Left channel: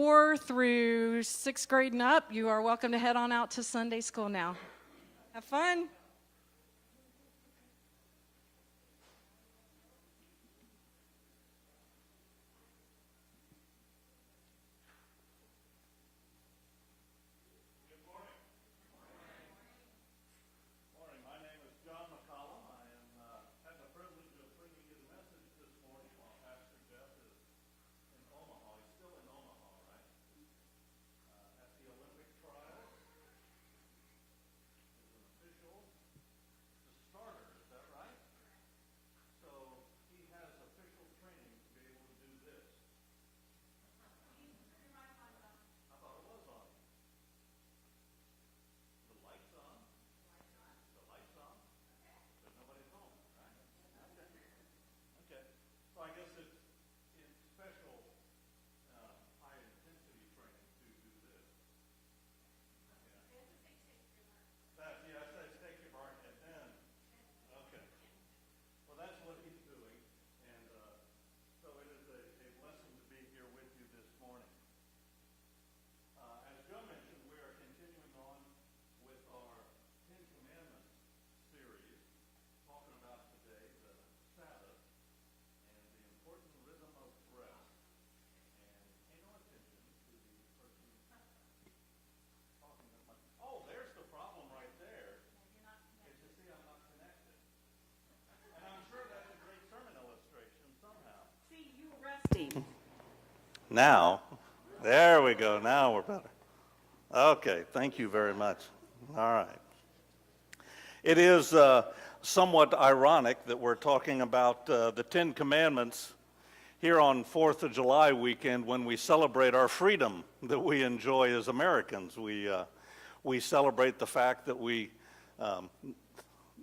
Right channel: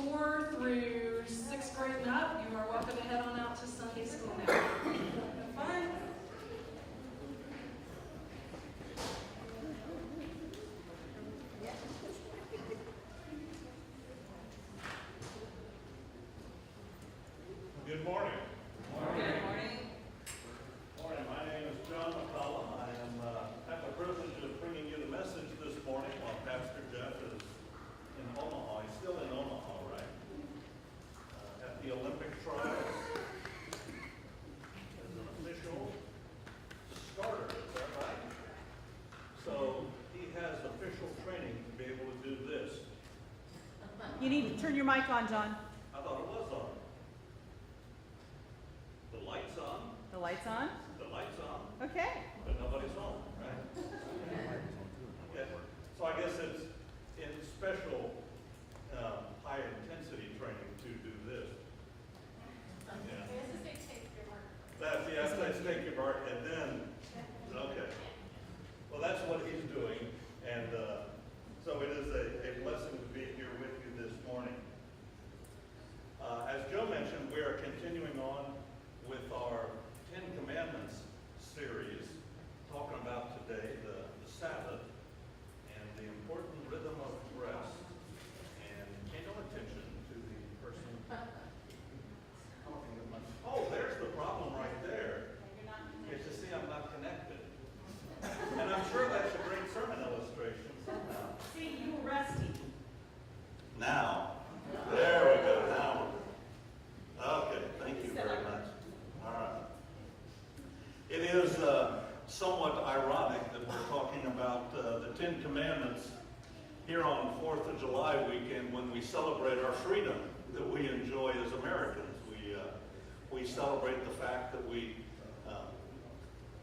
4 through 6th grade and up, you are welcome to head on out to Sunday school now. Have fun. Good morning. Good morning. Morning. My name is John McCollum. I have the privilege of bringing you the message this morning while Pastor Jeff is in Omaha. He's still in Omaha, right? At the Olympic trials as an official starter, is that right? So he has official training to be able to do this. You need to turn your mic on, John. I thought it was on. The light's on. The light's on? The light's on. Okay. But nobody's home, right? Yeah. So I guess it's in special high-intensity training to do this. Yeah. That's take your mark, and then, okay. Well, that's what he's doing, and so it is a blessing to be here with you this morning. As Joe mentioned, we are continuing on with our 10 Commandments series, talking about today the Sabbath and the important rhythm of rest. And pay no attention to the person talking at much. Oh, there's the problem right there. It's to see I'm not connected. And I'm sure that's a great sermon illustration somehow. See, you were rusty. Now, there we go. Now we're better. Okay, thank you very much. All right. It is somewhat ironic that we're talking about the 10 Commandments here on 4th of July weekend when we celebrate our freedom that we enjoy as Americans. We celebrate the fact that we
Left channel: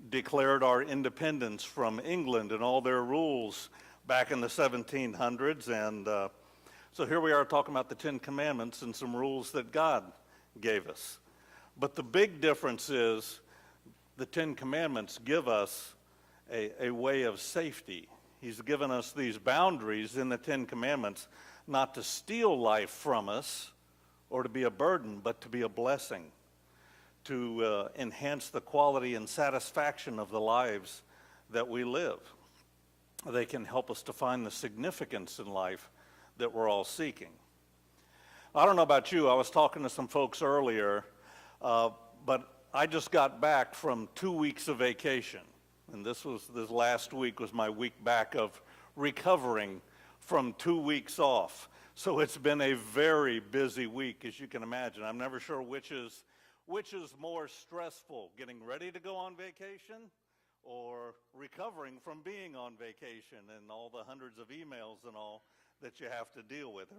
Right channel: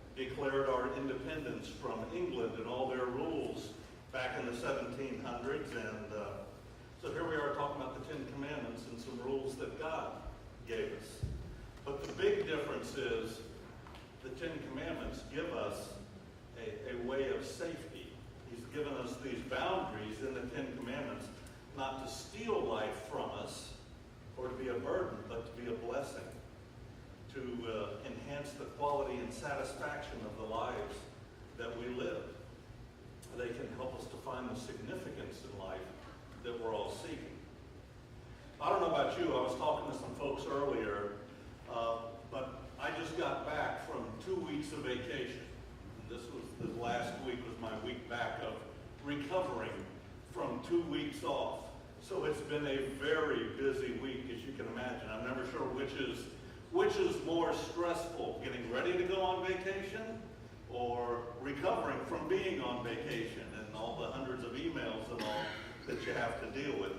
declared our independence from England and all their rules back in the 1700s. And so here we are talking about the 10 Commandments and some rules that God gave us. But the big difference is the 10 Commandments give us a way of safety. He's given us these boundaries in the 10 Commandments not to steal life from us or to be a burden, but to be a blessing, to enhance the quality and satisfaction of the lives that we live. They can help us to find the significance in life that we're all seeking. I don't know about you, I was talking to some folks earlier, but I just got back from 2 weeks of vacation. And this last week was my week back of recovering from 2 weeks off. So it's been a very busy week, as you can imagine. I'm never sure which is more stressful, getting ready to go on vacation or recovering from being on vacation and all the hundreds of emails and all that you have to deal with.